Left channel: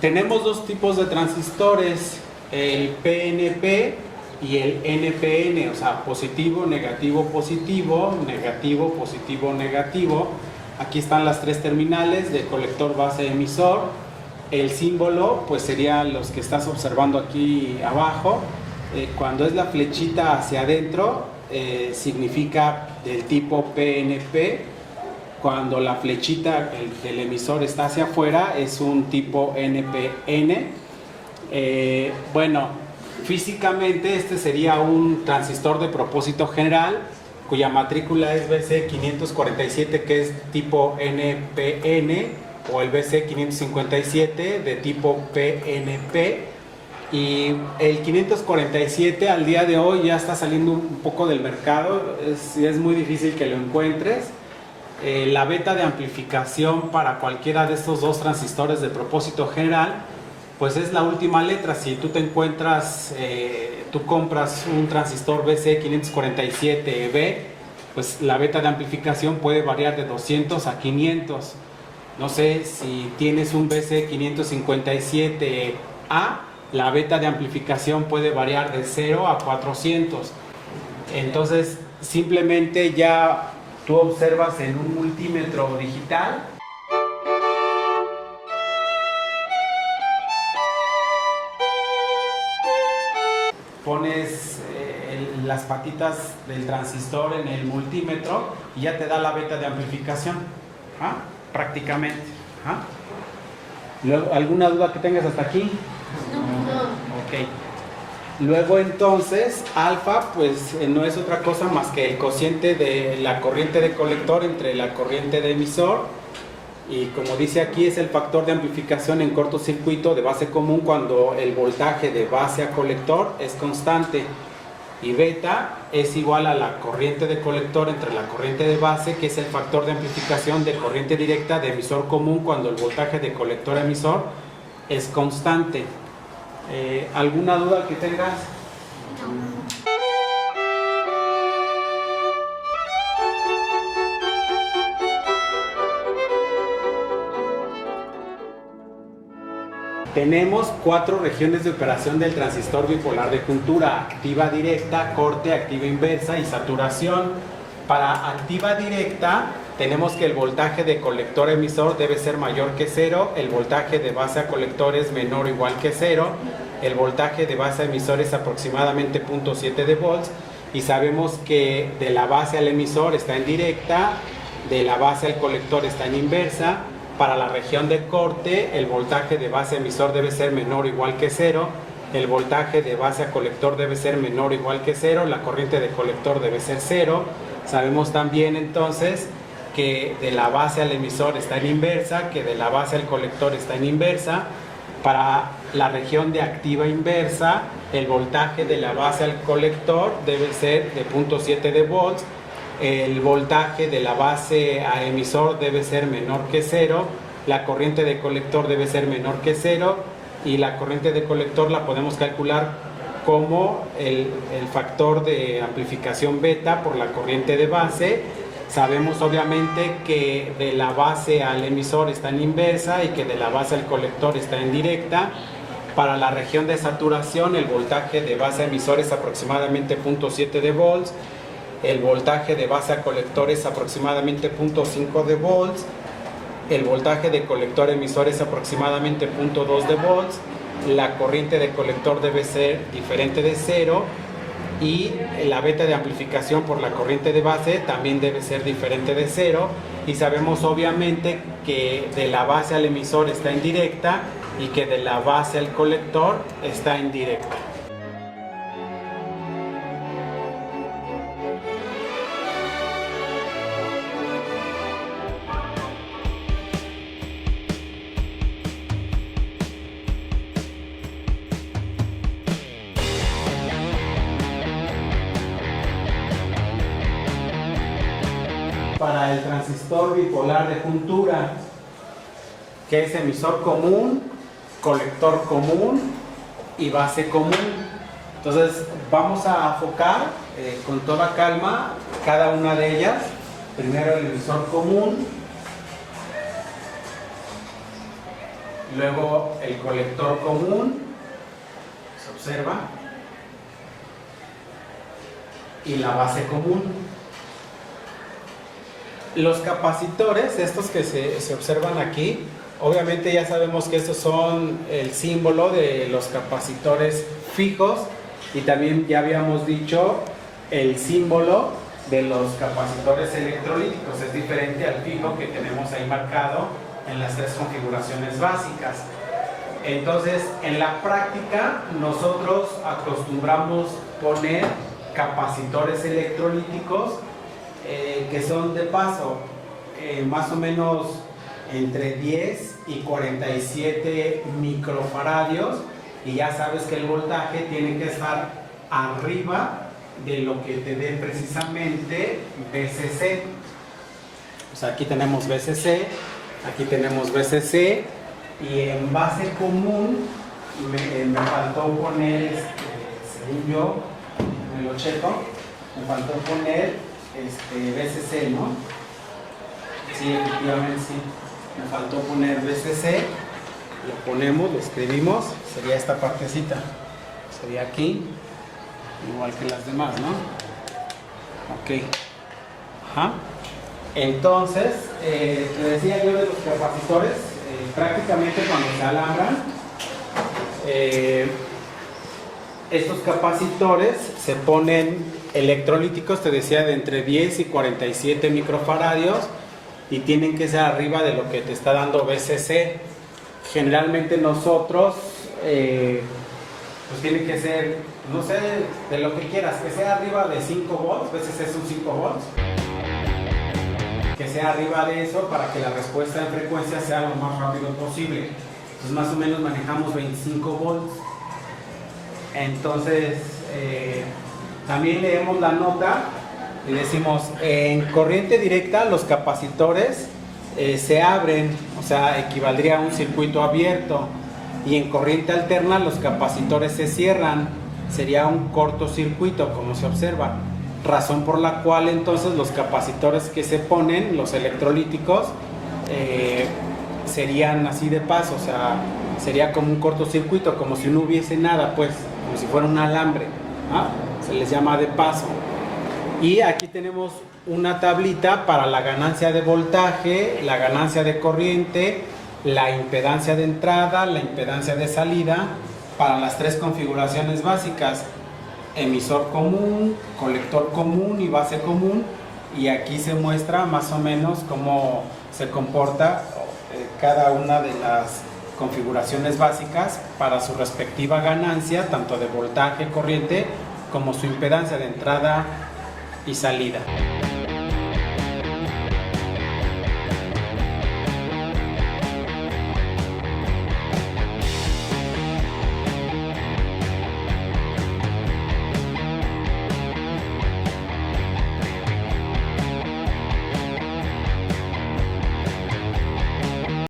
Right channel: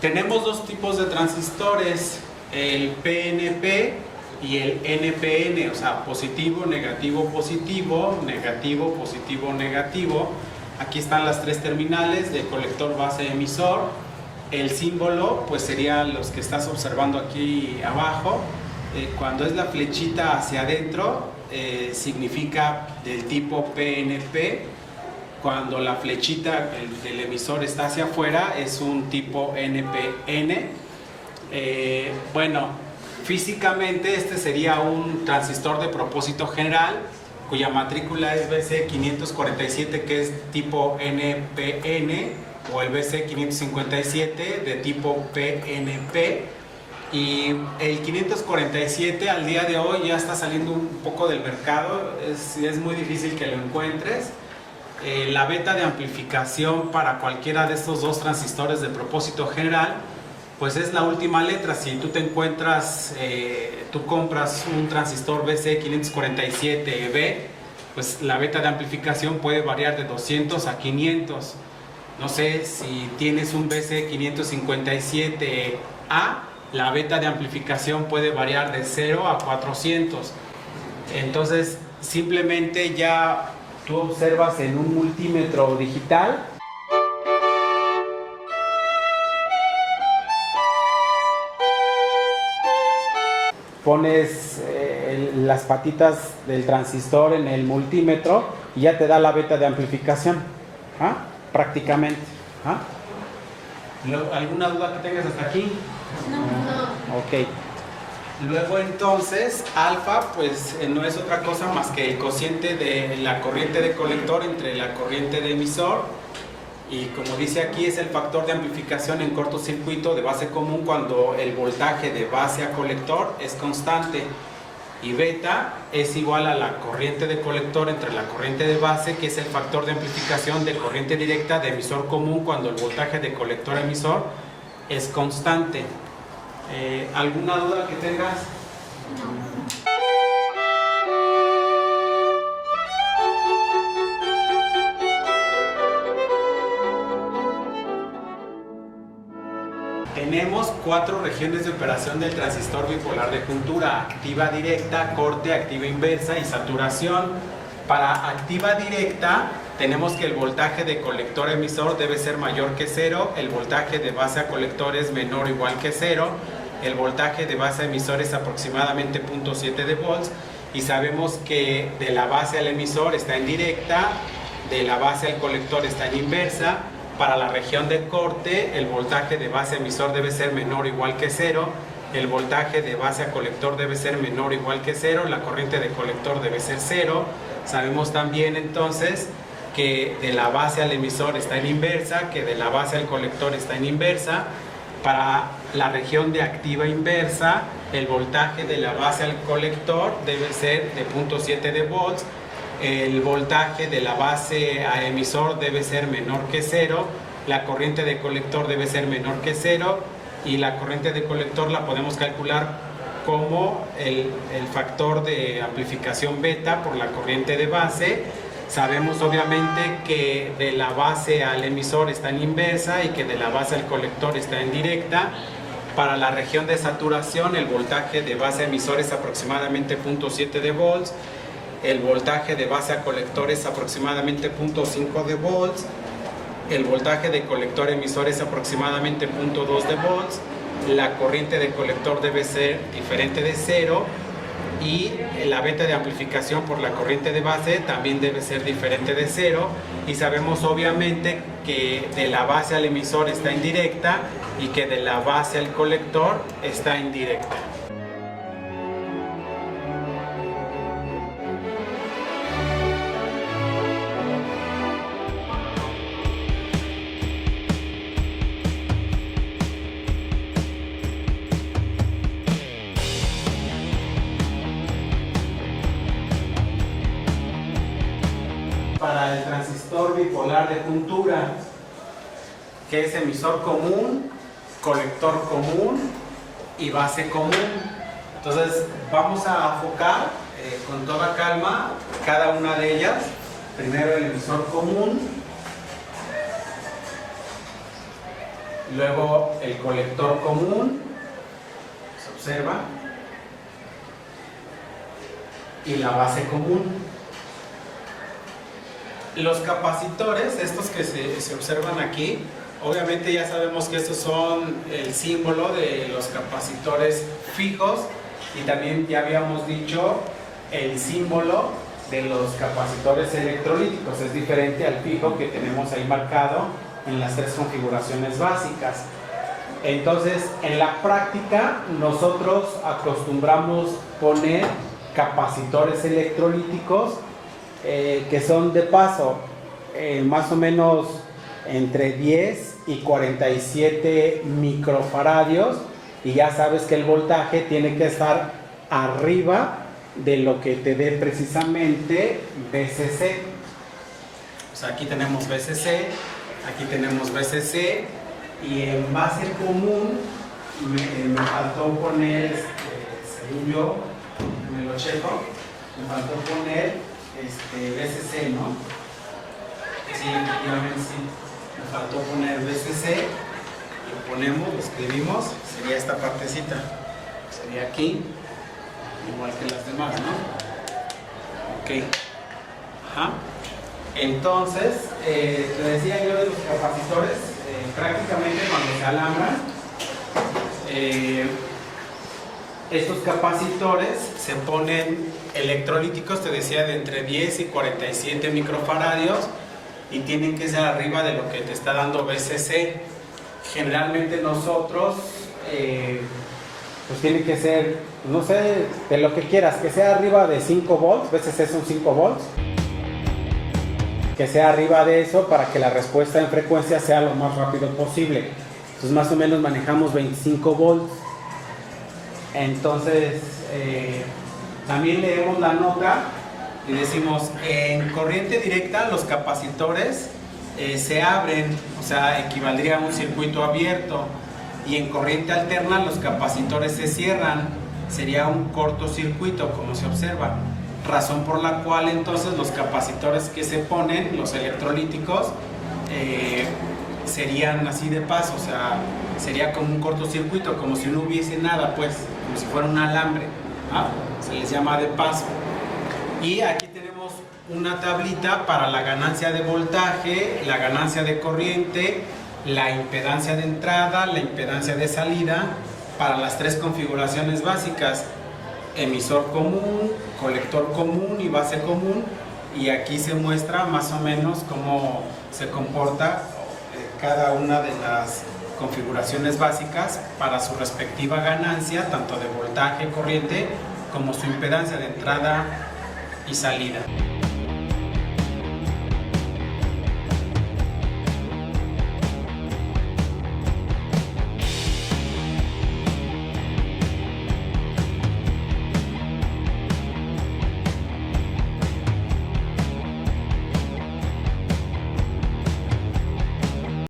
Tenemos dos tipos de transistores, el PNP y el NPN, o sea, positivo, negativo, positivo, negativo, positivo, negativo. Aquí están las tres terminales de colector, base, emisor. El símbolo, pues serían los que estás observando aquí abajo. Cuando es la flechita hacia adentro, significa del tipo PNP. Cuando la flechita del emisor está hacia afuera, es un tipo NPN. Bueno, físicamente este sería un transistor de propósito general, cuya matrícula es BC547, que es tipo NPN, o el BC557 de tipo PNP. Y el 547 al día de hoy ya está saliendo un poco del mercado, es muy difícil que lo encuentres. La beta de amplificación para cualquiera de estos dos transistores de propósito general, pues es la última letra. Si tú te encuentras, tú compras un transistor BC547B, pues la beta de amplificación puede variar de 200 a 500. No sé, si tienes un BC557A, la beta de amplificación puede variar de 0 a 400. Entonces, simplemente ya tú observas en un multímetro digital, pones las patitas del transistor en el multímetro y ya te da la beta de amplificación, prácticamente. ¿Alguna duda que tengas hasta aquí? No. Ok. Luego entonces, alfa pues no es otra cosa más que el cociente de la corriente de colector entre la corriente de emisor, y como dice aquí, es el factor de amplificación en cortocircuito de base común cuando el voltaje de base a colector es constante, y beta es igual a la corriente de colector entre la corriente de base, que es el factor de amplificación de corriente directa de emisor común cuando el voltaje de colector a emisor es constante. ¿Alguna duda que tengas? Tenemos 4 regiones de operación del transistor bipolar de juntura: activa directa, corte, activa inversa y saturación. Para activa directa tenemos que el voltaje de colector emisor debe ser mayor que 0, el voltaje de base a colector es menor o igual que 0, el voltaje de base a emisor es aproximadamente 0.7 de volts, y sabemos que de la base al emisor está en directa, de la base al colector está en inversa. Para la región de corte, el voltaje de base a emisor debe ser menor o igual que 0, el voltaje de base a colector debe ser menor o igual que 0, la corriente de colector debe ser 0. Sabemos también entonces que de la base al emisor está en inversa, que de la base al colector está en inversa. Para la región de activa inversa, el voltaje de la base al colector debe ser de 0.7 de volts, el voltaje de la base a emisor debe ser menor que 0, la corriente de colector debe ser menor que 0, y la corriente de colector la podemos calcular como el factor de amplificación beta por la corriente de base. Sabemos obviamente que de la base al emisor está en inversa y que de la base al colector está en directa. Para la región de saturación, el voltaje de base a emisor es aproximadamente 0.7 de volts, el voltaje de base a colector es aproximadamente 0.5 de volts, el voltaje de colector emisor es aproximadamente 0.2 de volts, la corriente de colector debe ser diferente de 0, y la beta de amplificación por la corriente de base también debe ser diferente de 0, y sabemos obviamente que de la base al emisor está en directa y que de la base al colector está en directa. Para el transistor bipolar de juntura, que es emisor común, colector común y base común. Entonces vamos a enfocar con toda calma cada una de ellas. Primero el emisor común. luego el colector común, se observa, y la base común. Los capacitores, estos que se observan aquí, obviamente ya sabemos que estos son el símbolo de los capacitores fijos, y también ya habíamos dicho el símbolo de los capacitores electrolíticos. Es diferente al fijo que tenemos ahí marcado en las tres configuraciones básicas. Entonces, en la práctica nosotros acostumbramos poner capacitores electrolíticos que son de paso más o menos entre 10 y 47 microfaradios, y ya sabes que el voltaje tiene que estar arriba de lo que te dé precisamente VCC. O sea, aquí tenemos VCC, aquí tenemos VCC, y en base común me faltó poner, según yo, me lo checo, me faltó poner VCC, ¿no? Sí, efectivamente sí, me faltó poner VCC, lo ponemos, lo escribimos, sería esta partecita, sería aquí, igual que las demás, ¿no? Ok. Ajá. Entonces, te decía yo de los capacitores, prácticamente cuando se alambran, estos capacitores se ponen electrolíticos, te decía, de entre 10 y 47 microfaradios, y tienen que ser arriba de lo que te está dando VCC. Generalmente nosotros, pues tienen que ser, no sé, de lo que quieras, que sea arriba de 5 volts, VCC son 5 volts, que sea arriba de eso para que la respuesta en frecuencia sea lo más rápido posible. Entonces más o menos manejamos 25 volts. Entonces también leemos la nota y decimos, en corriente directa los capacitores se abren, o sea, equivaldría a un circuito abierto, y en corriente alterna los capacitores se cierran, sería un cortocircuito, como se observa, razón por la cual entonces los capacitores que se ponen, los electrolíticos, serían así de paso, o sea, sería como un cortocircuito, como si no hubiese nada, pues, como si fuera un alambre, ¿ah? Se les llama de paso. Y aquí tenemos una tablita para la ganancia de voltaje, la ganancia de corriente, la impedancia de entrada, la impedancia de salida, para las tres configuraciones básicas: emisor común, colector común y base común. Y aquí se muestra más o menos cómo se comporta cada una de las configuraciones básicas para su respectiva ganancia, tanto de voltaje, corriente, como su impedancia de entrada y salida.